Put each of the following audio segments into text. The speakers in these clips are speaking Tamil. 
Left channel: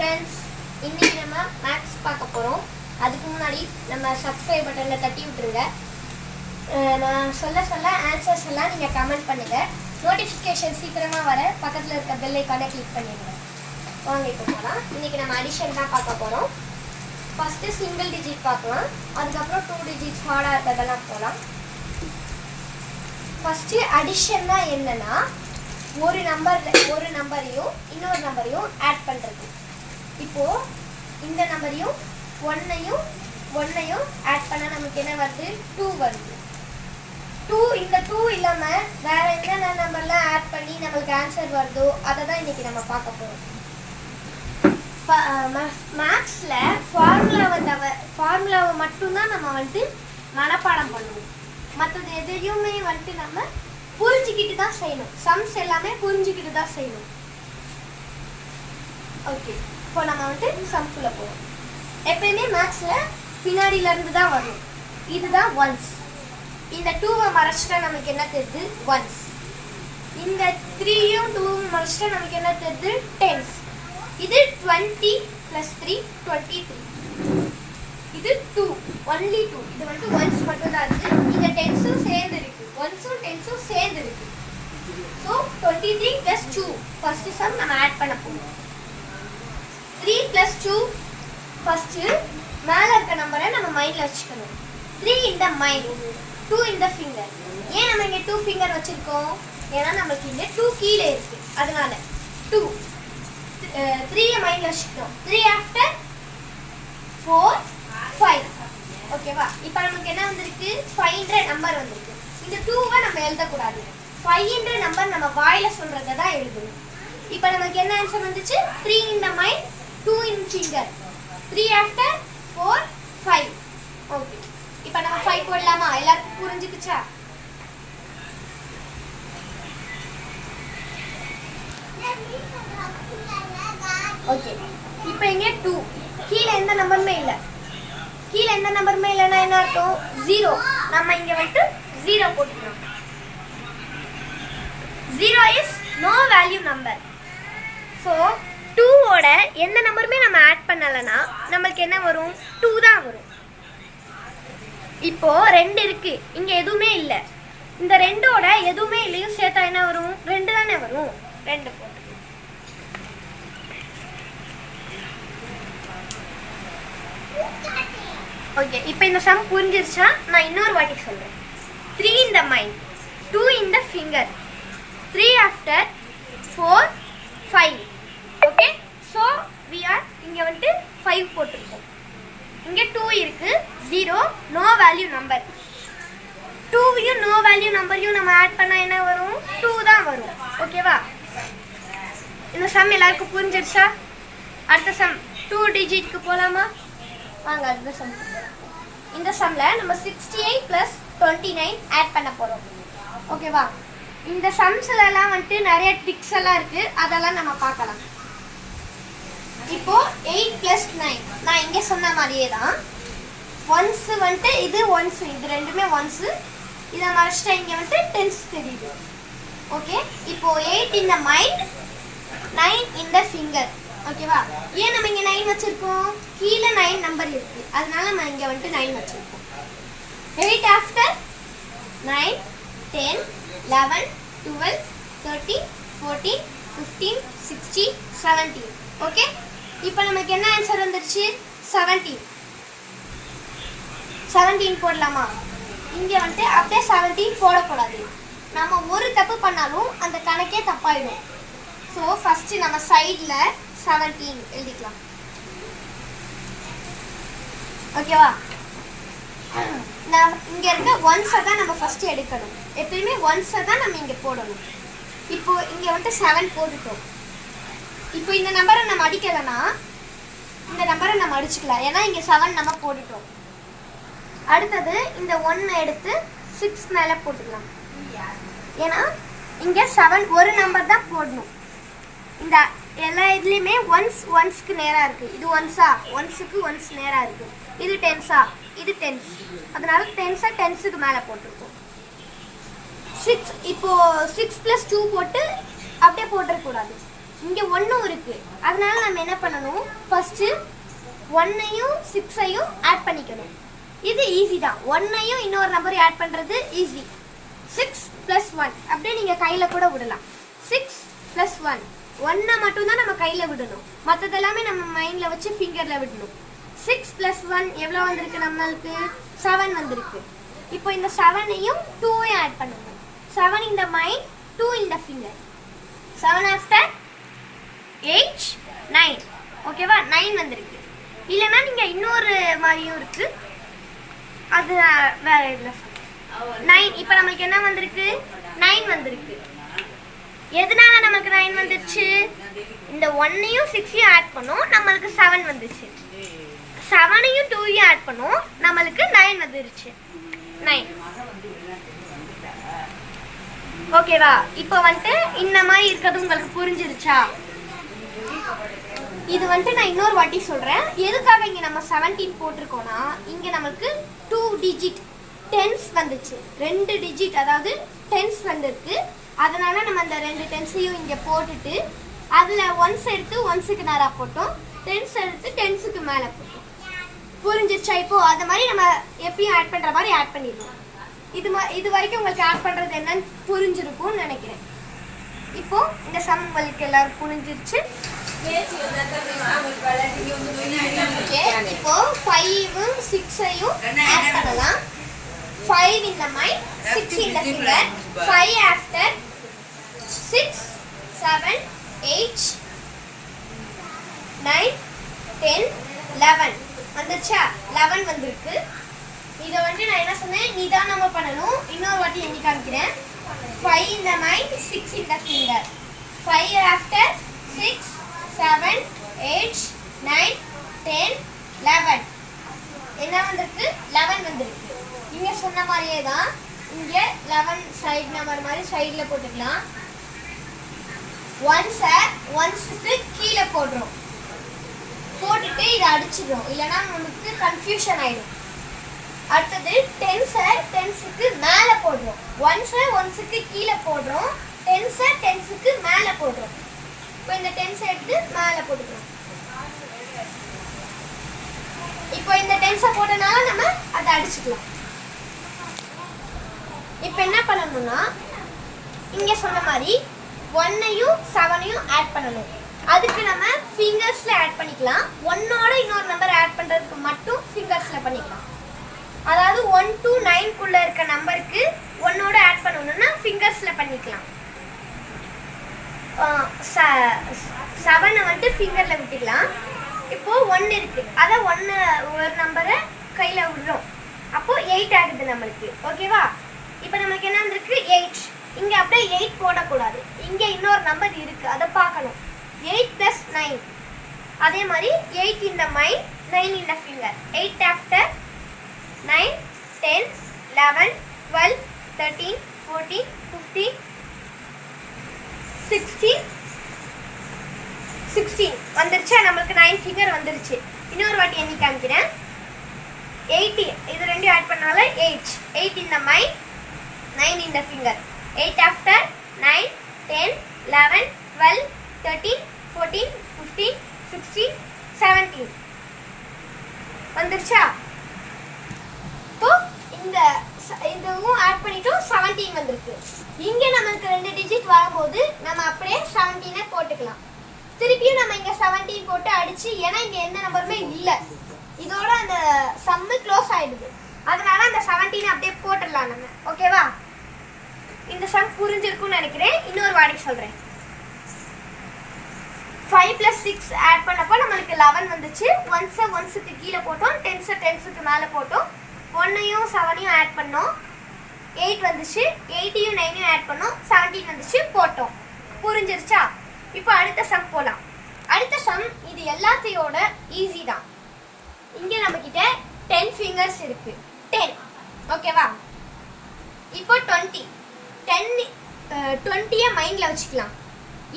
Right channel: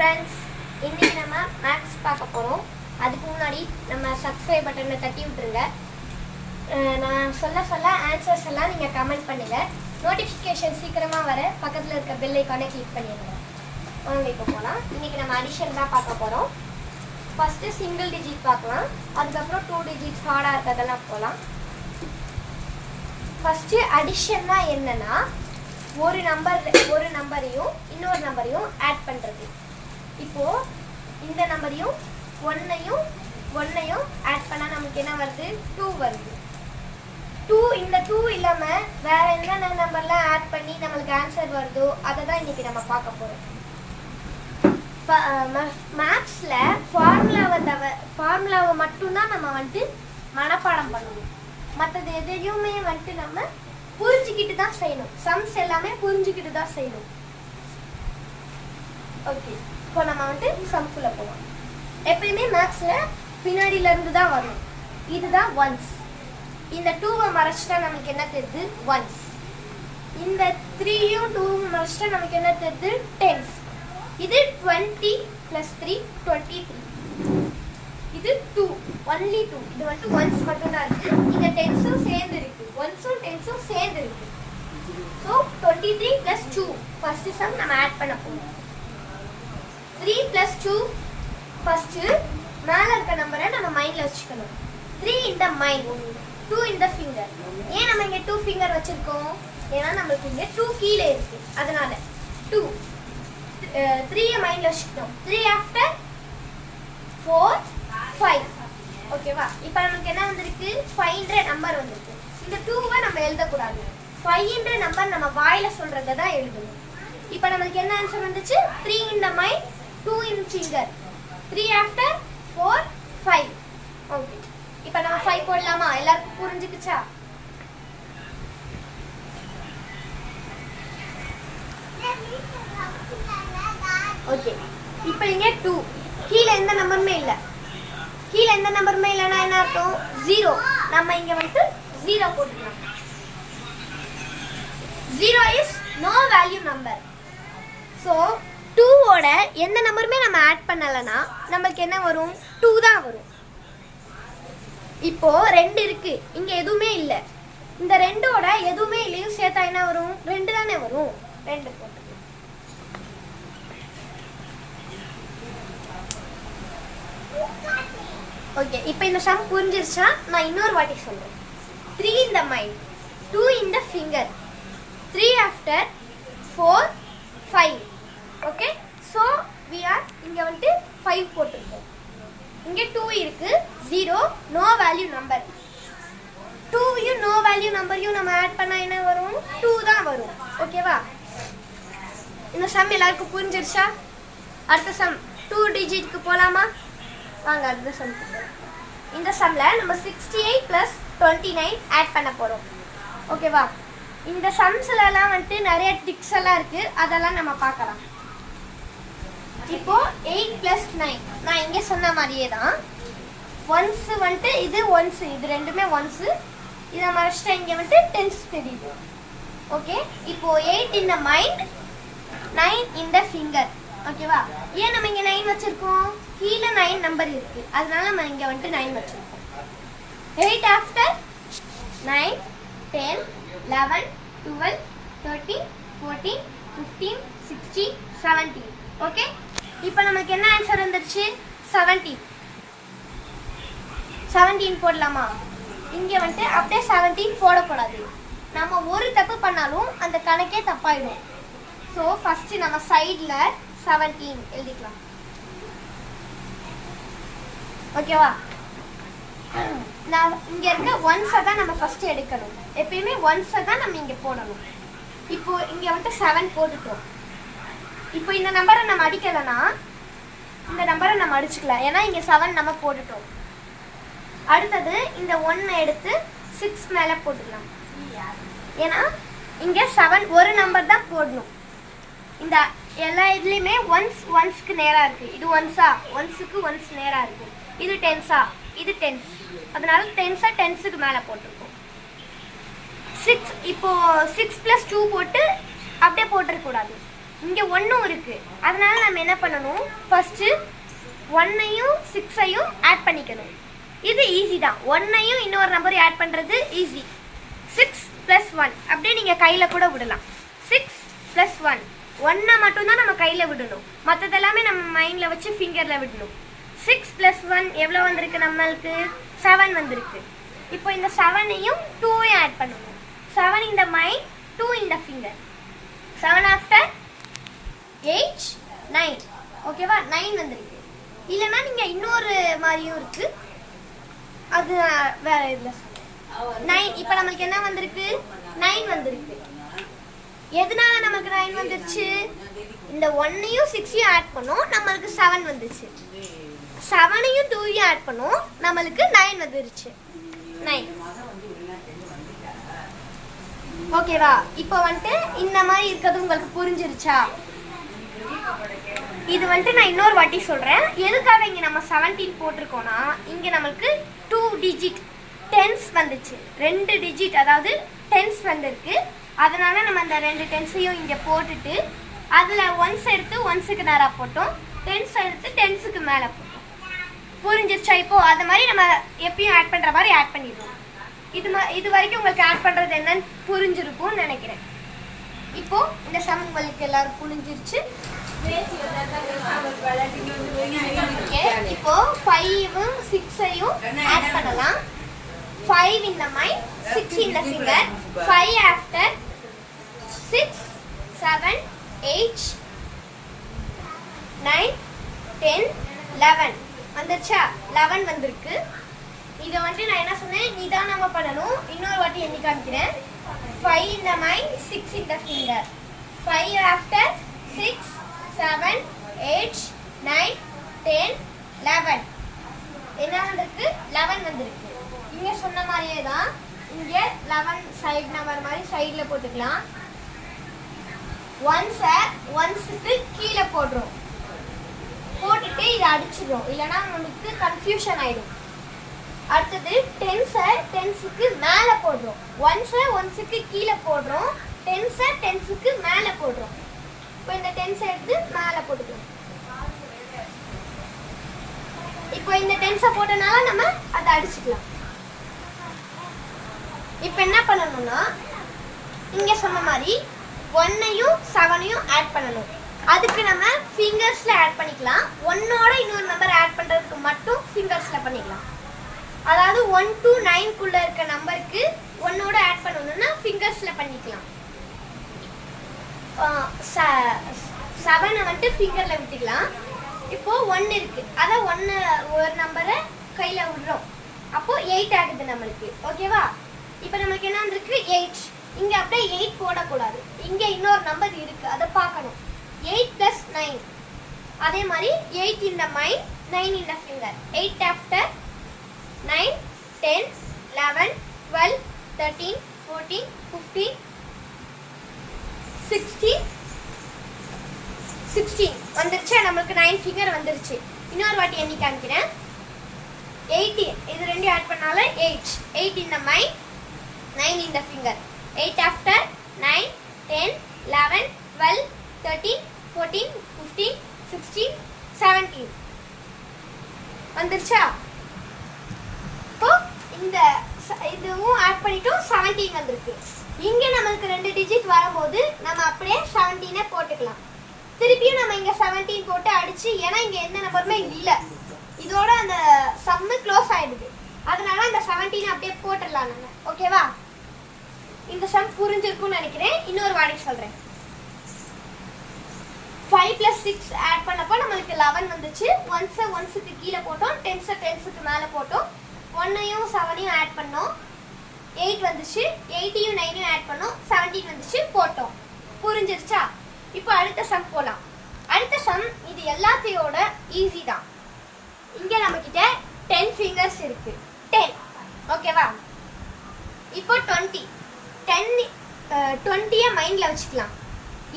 ஃப்ரெண்ட்ஸ் இன்னைக்கு நம்ம மேக்ஸ் பார்க்க போகிறோம் அதுக்கு முன்னாடி நம்ம சப்ஸ்கிரைப் பட்டனை தட்டி விட்டுருங்க. நான் சொல்ல சொல்ல ஆன்சர்ஸ் எல்லாம் நீங்கள் கமெண்ட் பண்ணுங்கள் நோட்டிஃபிகேஷன் சீக்கிரமாக வர பக்கத்தில் இருக்க பெல் ஐக்கானை கிளிக் பண்ணிடுங்க. வாங்க இப்போ போகலாம் இன்றைக்கி நம்ம அடிஷன் தான் பார்க்க போகிறோம் ஃபஸ்ட்டு சிங்கிள் டிஜிட் பார்க்கலாம். அதுக்கப்புறம் டூ டிஜிட்ஸ் ஹார்டாக இருக்கிறதெல்லாம் போகலாம் ஃபஸ்ட்டு அடிஷன்னா என்னென்னா ஒரு நம்பர் ஒரு நம்பரையும் இன்னொரு நம்பரையும் ஆட் பண்ணுறது இப்போ இந்த நம்பரையும் ஒன்னையும் ஒன்னையும் ஆட் பண்ணால் நமக்கு என்ன வருது? டூ வருது. டூ இந்த டூ இல்லாமல் வேற என்னென்ன நம்பர்லாம் ஆட் பண்ணி நம்மளுக்கு ஆன்சர் வருதோ அதை தான் இன்னைக்கு நம்ம பார்க்க போகிறோம் மேக்ஸில் ஃபார்முலாவை தவ ஃபார்முலாவை மட்டும்தான் நம்ம வந்துட்டு மனப்பாடம் பண்ணணும். மற்றது எதையுமே வந்துட்டு நம்ம புரிஞ்சுக்கிட்டு தான் செய்யணும். சம்ஸ் எல்லாமே புரிஞ்சுக்கிட்டு தான் செய்யணும். ஓகே இப்போ நம்ம வந்துட்டு சம்குள்ள போவோம் எப்பயுமே மேக்ஸில் பின்னாடியிலேருந்து தான் வரும். இதுதான் ஒன்ஸ் இந்த டூவை மறைச்சிட்டா நமக்கு என்ன தெரியுது? ஒன்ஸ் இந்த த்ரீயும் டூவும் மறைச்சிட்டா நமக்கு என்ன தெரியுது? டென்ஸ் இது twenty plus three twenty three இது டூ ஒன்லி டூ இது வந்துட்டு ஒன்ஸ் மட்டும் தான் இந்த டென்ஸும் சேர்ந்து இருக்கு. ஒன்ஸும் டென்ஸும் சேர்ந்து இருக்கு. So twenty three plus two first sum நம்ம ஆட் பண்ண போகிறோம் த்ரீ ப்ளஸ் டூ ஃபர்ஸ்ட்டு மேலே இருக்க நம்பரை நம்ம மைண்டில் வச்சுக்கணும். த்ரீ இந்த மைண்ட் டூ இந்த ஃபிங்கர் ஏன் நம்ம இங்கே டூ ஃபிங்கர் வச்சுருக்கோம்? ஏன்னா நம்மளுக்கு இங்கே டூ கீழே இருக்கு. அதனால டூ த்ரீயை மைண்டில் வச்சுக்கிட்டோம் த்ரீ ஆஃப்டர் ஃபோர் ஃபைவ் ஓகேவா இப்போ நமக்கு என்ன வந்திருக்கு? ஃபைவ்ன்ற நம்பர் வந்திருக்கு. இந்த டூவை நம்ம எழுதக்கூடாது. ஃபைவ்ன்ற நம்பர் நம்ம வாயில் சொல்கிறத தான் எழுதணும். இப்போ நமக்கு என்ன ஆன்சர் வந்துச்சு? Three in the mind two in finger three after four five okay இப்போ நம்ம ஃபைவ் போடலாமா? எல்லாருக்கும் புரிஞ்சுக்குச்சா? ஓகே இப்போ இங்க டூ கீழே எந்த நம்பருமே இல்லை. கீழே எந்த நம்பருமே இல்லைன்னா என்ன அர்த்தம்? ஜீரோ நம்ம இங்க வந்துட்டு ஜீரோ போட்டுக்கலாம் zero is no value number so டூவோட எந்த நம்பருமே நம்ம ஆட் பண்ணலைன்னா நம்மளுக்கு என்ன வரும்? டூ தான் வரும். இப்போ ரெண்டு இருக்கு. இங்க எதுவுமே இல்லை. இந்த ரெண்டோட எதுவுமே இல்லையும் சேர்த்தா என்ன வரும்? ரெண்டு தானே வரும். ரெண்டு போட்டு. ஓகே இப்போ இந்த சம் புரிஞ்சிருச்சா? நான் இன்னொரு வாட்டி சொல்றேன். Three in the mind two in the finger three after four five இங்கே வந்துட்டு ஃபைவ் போட்டிருக்கோம். இங்கே டூ இருக்குது ஜீரோ நோ வேல்யூ நம்பர் டூவையும் நோ வேல்யூ நம்பரையும் நம்ம ஆட் பண்ணால் என்ன வரும்? டூ தான் வரும். ஓகேவா இந்த சம் எல்லாருக்கும் புரிஞ்சிருச்சா? அடுத்த சம் டூ டிஜிட்க்கு போகலாமா வாங்க அடுத்த சம் இந்த சம்மில் நம்ம sixty eight plus twenty nine add பண்ண போகிறோம் ஓகேவா இந்த சம்ஸ்ல வந்துட்டு நிறைய ட்ரிக்ஸ் எல்லாம் இருக்குது அதெல்லாம் நம்ம பார்க்கலாம். இப்போ எயிட் ப்ளஸ் நைன் நான் இங்கே சொன்ன மாதிரியே தான். ஒன்ஸ் வந்துட்டு இது ஒன்ஸ் இது ரெண்டுமே ஒன்ஸ் இதை மறைச்சிட்டா இங்கே வந்துட்டு டென்ஸ் தெரியுது. ஓகே இப்போ eight in the mind nine in the finger ஓகேவா ஏன் நம்ம இங்கே நைன் வச்சுருக்கோம்? கீழே நைன் நம்பர் இருக்கு. அதனால நம்ம இங்கே வந்துட்டு நைன் வச்சுருக்கோம். Eight after nine ten eleven twelve thirty fourteen fifteen sixteen seventeen okay இப்போ நமக்கு என்ன ஆன்சர் வந்துருச்சு? செவன்டீன் செவன்டீன் போடலாமா? இங்கே வந்துட்டு அப்படியே செவன்டீன் போடக்கூடாது. நம்ம ஒரு தப்பு பண்ணாலும் அந்த கணக்கே தப்பாயிடும். ஸோ ஃபஸ்ட்டு நம்ம சைடில் செவன்டீன் எழுதிக்கலாம். ஓகேவா நான் இங்கே இருக்க ஒன்ஸை தான் நம்ம ஃபஸ்ட்டு எடுக்கணும். எப்பயுமே ஒன்ஸை தான் நம்ம இங்கே போடணும். இப்போ இங்கே வந்துட்டு செவன் போட்டுட்டோம். இப்போ இந்த நம்பரை நம்ம அடிக்கலைன்னா இந்த நம்பரை நம்ம அடிச்சுக்கலாம். ஏன்னா இங்கே செவன் நம்ம போட்டுட்டோம். அடுத்தது இந்த ஒன் எடுத்து சிக்ஸ் மேலே போட்டுக்கலாம். ஏன்னா இங்கே செவன் ஒரு நம்பர் தான் போடணும். இந்த எல்லா இதுலேயுமே ஒன்ஸ் ஒன்ஸ்க்கு நேராக இருக்குது இது ஒன்ஸா ஒன்ஸுக்கு ஒன்ஸ் நேராக இருக்குது இது டென்ஸா இது டென்ஸ் அதனால டென்ஸாக டென்ஸுக்கு மேலே போட்டிருக்கோம். சிக்ஸ் இப்போது சிக்ஸ் ப்ளஸ் டூ போட்டு அப்படியே போட்டுருக்கூடாது இங்கே ஒன்றும் இருக்குது அதனால நம்ம என்ன பண்ணணும்? ஃபஸ்ட்டு ஒன்னையும் சிக்ஸையும் ஆட் பண்ணிக்கணும். இது ஈஸி தான். ஒன்னையும் இன்னொரு நம்பரையும் ஆட் பண்ணுறது ஈஸி சிக்ஸ் ப்ளஸ் ஒன் அப்படியே நீங்கள் கையில் கூட விடலாம். சிக்ஸ் ப்ளஸ் ஒன் ஒன்னை மட்டும்தான் நம்ம கையில் விடணும். மற்றதெல்லாமே நம்ம மைண்டில் வச்சு ஃபிங்கரில் விடணும். சிக்ஸ் ப்ளஸ் ஒன் எவ்வளோ வந்திருக்கு நம்மளுக்கு? செவன் வந்திருக்கு. இப்போ இந்த செவனையும் டூவையும் ஆட் பண்ணுவோம் செவன் இந்த மைண்ட் டூ இந்த finger seven after eight nine ஓகேவா நைன் வந்துருக்கு. இல்லைன்னா நீங்கள் இன்னொரு மாதிரியும் இருக்கு. அது வேற இதில் நைன் இப்போ நம்மளுக்கு என்ன வந்திருக்கு? நைன் வந்திருக்கு. எதனால நமக்கு நைன் வந்துருச்சு? இந்த ஒன்னையும் சிக்ஸையும் ஆட் பண்ணோம். நம்மளுக்கு செவன் வந்துச்சு செவனையும் டூவையும் ஆட் பண்ணோம். நம்மளுக்கு நைன் வந்துருச்சு. நைன் ஓகேவா இப்போ வந்துட்டு இந்த மாதிரி இருக்கிறது உங்களுக்கு புரிஞ்சிருச்சா? இது வந்துட்டு நான் இன்னொரு வாட்டி சொல்றேன். எதுக்காக இங்க நம்ம 17 போட்டிருக்கோம்னா இங்க நமக்கு டூ டிஜிட் டென்ஸ் வந்துச்சு. ரெண்டு டிஜிட் அதாவது டென்ஸ் வந்திருக்கு. அதனால நம்ம அந்த ரெண்டு டென்ஸையும் இங்க போட்டுட்டு அதுல ஒன்ஸ் எடுத்து ஒன்ஸுக்கு நேரா போட்டோம். டென்ஸ் எடுத்து டென்ஸுக்கு மேல போட்டோம். புரிஞ்சிருச்சா இப்போ? அது மாதிரி நம்ம எப்பயும் ஆட் பண்ற மாதிரி ஆட் பண்ணிடுவோம் இது மா- இது வரைக்கும் உங்களுக்கு ஆட் பண்றது என்னன்னு புரிஞ்சிருக்கும்னு நினைக்கிறேன். இப்போ இந்த சம் உங்களுக்கு எல்லாரும் புரிஞ்சிருச்சு. இப்போ ஃபைவும் சிக்ஸையும் ஆட் பண்ணலாம். ஃபைவ் இந்த மைண்ட் சிக்ஸ் இந்த finger five after six seven eight nine ten eleven வந்துருச்சா? லெவன் வந்திருக்கு. இதை வந்து நான் என்ன சொன்னேன்? நிதானமா பண்ணணும். இன்னொரு வாட்டி எண்ணி காமிக்கிறேன். ஃபைவ் இந்த மைண்ட் சிக்ஸ் இந்த finger five after six seven eight nine ten eleven என்ன வந்திருக்கு? லெவன் வந்திருக்கு. இங்கே சொன்ன மாதிரியே தான் இங்கே லெவன் சைட் நம்பர் மாதிரி சைடில் போட்டுக்கலாம். ஒன்ஸை ஒன்ஸுக்கு கீழே போடுறோம். போட்டுட்டு இதை அடிச்சிடுறோம். இல்லைன்னா நமக்கு கன்ஃபியூஷன் ஆயிடும். அடுத்தது டென்ஸை டென்ஸுக்கு மேலே போடுறோம். ஒன்ஸை ஒன்ஸுக்கு கீழே போடுறோம். டென்ஸை டென்ஸுக்கு மேலே போடுறோம். இப்போ இந்த டென்ஸை எடுத்து மேலே போட்டுக்கலாம். இப்போ இந்த டென்ஸை போட்டனால நம்ம அதை அடிச்சுக்கலாம். இப்போ என்ன பண்ணணும்னா இங்க சொன்ன மாதிரி ஒன்னையும் செவனையும் ஆட் பண்ணணும். அதுக்கு நம்ம ஃபிங்கர்ஸ்ல ஆட் பண்ணிக்கலாம். ஒன்னோட இன்னொரு நம்பர் ஆட் பண்றதுக்கு மட்டும் ஃபிங்கர்ஸ்ல பண்ணிக்கலாம். அதாவது ஒன் டூ நைன்குள்ளே இருக்க நம்பருக்கு ஒன்னோட ஆட் பண்ணணும்னா ஃபிங்கர்ஸ்ல பண்ணிக்கலாம். செவனை வந்துட்டு ஃபிங்கரில் விட்டுக்கலாம். இப்போது ஒன்று இருக்குது அதான் ஒன்று ஒரு நம்பரை கையில் விடுறோம். அப்போது எயிட் ஆகுது நம்மளுக்கு. ஓகேவா இப்போ நமக்கு என்ன வந்திருக்கு? எயிட் இங்கே அப்படியே எயிட் போடக்கூடாது. இங்கே இன்னொரு நம்பர் இருக்குது அதை பார்க்கணும். எயிட் ப்ளஸ் நைன் அதே மாதிரி எயிட் இந்த மைண்ட் நைன் இந்த finger eight after nine ten eleven twelve thirteen fourteen fifteen sixteen sixteen வந்துருச்சு. நம்மளுக்கு நைன் ஃபிங்கர் வந்துருச்சு. இன்னொரு வாட்டி எண்ணி காமிக்கிறேன். எயிட்டீன் இது ரெண்டும் ஆட் பண்ணாலும் எயிட் எயிட் இந்த மைண்ட் நைன் இந்த finger eight after nine ten eleven twelve thirteen fourteen fifteen sixteen seventeen வந்துருச்சா? இப்போ இந்த இதுவும் ஆட் பண்ணிட்டோம் செவன்டீன் வந்திருக்கு. இங்கே நம்மளுக்கு ரெண்டு டிஜிட் வரும்போது நம்ம அப்படியே செவன்டீனை போட்டுக்கலாம். திருப்பியும் நம்ம இங்க செவன்டீன் போட்டு அடிச்சு ஏன்னா இங்க எந்த நம்பருமே இல்லை. இதோட அந்த சம்மு க்ளோஸ் ஆயிடுது. அதனால அந்த செவன்டீன் அப்படியே போட்டுடலாம் நம்ம. ஓகேவா இந்த சம் புரிஞ்சிருக்கும்னு நினைக்கிறேன். இன்னொரு வாடகை சொல்றேன். ஃபைவ் ப்ளஸ் சிக்ஸ் ஆட் பண்ணப்போ நம்மளுக்கு லெவன் வந்துச்சு. ஒன்ஸை ஒன்ஸுக்கு கீழே போட்டோம். டென்ஸை டென்ஸுக்கு மேலே போட்டோம். ஒன்னையும் செவனையும் ஆட் பண்ணோம். எயிட் வந்துச்சு. எயிட்டையும் நைனையும் ஆட் பண்ணோம். செவன்டீன் வந்துச்சு. போட்டோம். புரிஞ்சிருச்சா? இப்போ அடுத்த சம் போகலாம் அடுத்த சம் இது எல்லாத்தையோட ஈஸி தான். இங்கே நம்மக்கிட்ட டென் ஃபிங்கர்ஸ் இருக்கு. டென் ஓகேவா இப்போ டுவெண்ட்டி டென் டுவெண்ட்டியை மைண்டில் வச்சுக்கலாம்.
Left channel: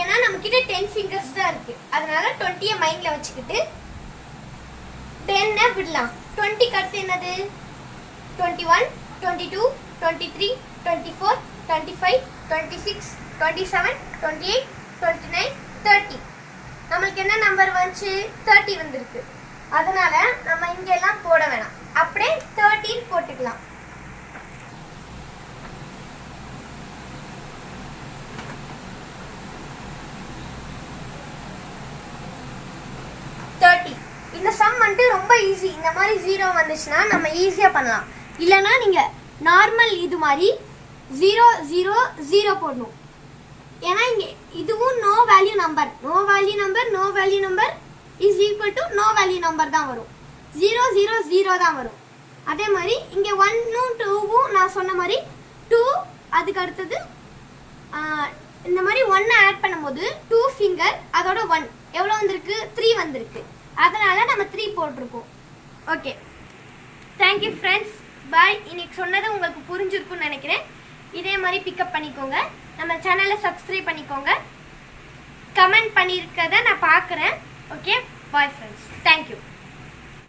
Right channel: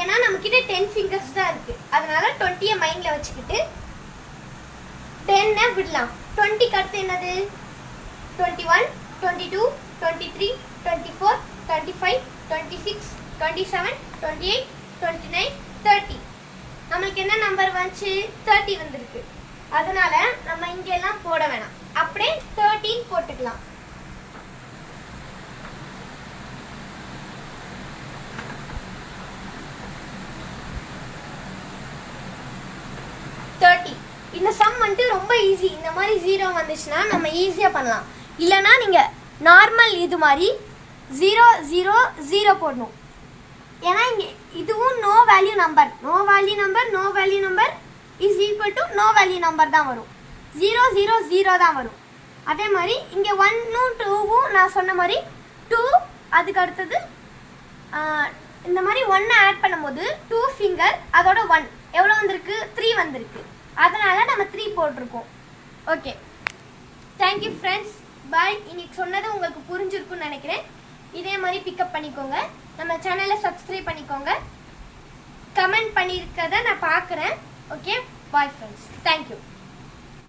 ஏன்னா நம்மக்கிட்ட டென் ஃபிங்கர்ஸ் தான் இருக்கு. அதனால டுவெண்ட்டியை மைண்டில் வச்சுக்கிட்டு டென்னை விடலாம். டுவெண்ட்டிக்கு அடுத்து என்னது? Twenty one twenty two twenty three twenty four twenty five twenty six twenty seven twenty eight twenty nine thirty நம்மளுக்கு என்ன நம்பர் வந்துச்சு? தேர்ட்டி வந்திருக்கு. அதனால நம்ம இங்க எல்லாம் போட வேணாம். அப்படியே தேர்ட்டின் போட்டுக்கலாம். தேர்ட்டி இந்த சம் வந்துட்டு ரொம்ப ஈஸி இந்த மாதிரி ஜீரோ வந்துச்சுன்னா நம்ம ஈஸியாக பண்ணலாம். இல்லைன்னா நீங்கள் நார்மல் இது மாதிரி ஜீரோ ஜீரோ ஜீரோ போடணும். ஏன்னா இங்கே இதுவும் no value number no value number no value number is equal to no value number தான் வரும். ஜீரோ ஜீரோ ஜீரோ தான் வரும். அதே மாதிரி இங்கே ஒன்னும் டூவும் நான் சொன்ன மாதிரி டூ அதுக்கு அடுத்தது இந்த மாதிரி ஒன்னை ஆட் பண்ணும்போது டூ ஃபிங்கர் அதோட ஒன் எவ்வளோ வந்திருக்கு? த்ரீ வந்திருக்கு. அதனால நம்ம த்ரீ போட்டிருக்கோம். ஓகே தேங்க்யூ ஃப்ரெண்ட்ஸ் பாய் இன்னைக்கு சொன்னது உங்களுக்கு புரிஞ்சிருக்கும்னு நினைக்கிறேன். இதே மாதிரி பிக்கப் பண்ணிக்கோங்க. நம்ம சேனலை சப்ஸ்கிரைப் பண்ணிக்கோங்க. கமெண்ட் பண்ணியிருக்கிறத நான் பார்க்குறேன். Okay bye friends thank you